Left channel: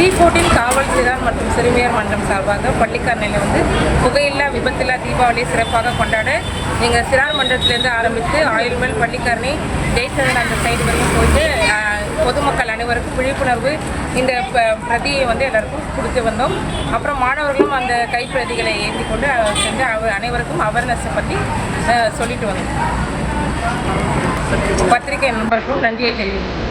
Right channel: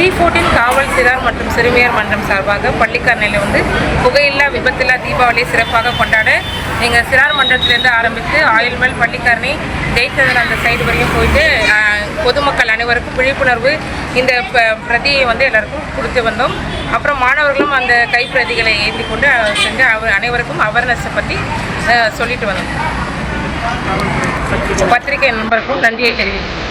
T14 காவல் சிறார் மற்றும் சிறுமியர் மன்றம் சார்பாக பள்ளிக்கரணையில் புகையில்லா விபத்தில்லா தீபாவளியை சிறப்பாக கொண்டாட எங்கள் சிறார் மன்றத்திலேருந்து ஆரம்பித்து ஆயுள்மேல் பள்ளிக்கரணை ஜெயச்சந்திரன் அந்த சைடு வரையும் போயிட்டு பொதுமக்கள் அனைவருக்கும் விழிப்புணர்வு இந்த பிரதியை எல்லாருக்கும் கொடுத்து வந்தோம். அப்புறம் மாணவர்களும் அந்த கைப்பிரதிகளை ஏந்தி கொண்டு சென்று அனைவருக்கும் அவேர்னஸை பற்றி சொல்லிட்டு வந்தோம். பத்திரிகை நண்பர்களுக்கும் நன்றியை தெரிவிக்கிறேன்.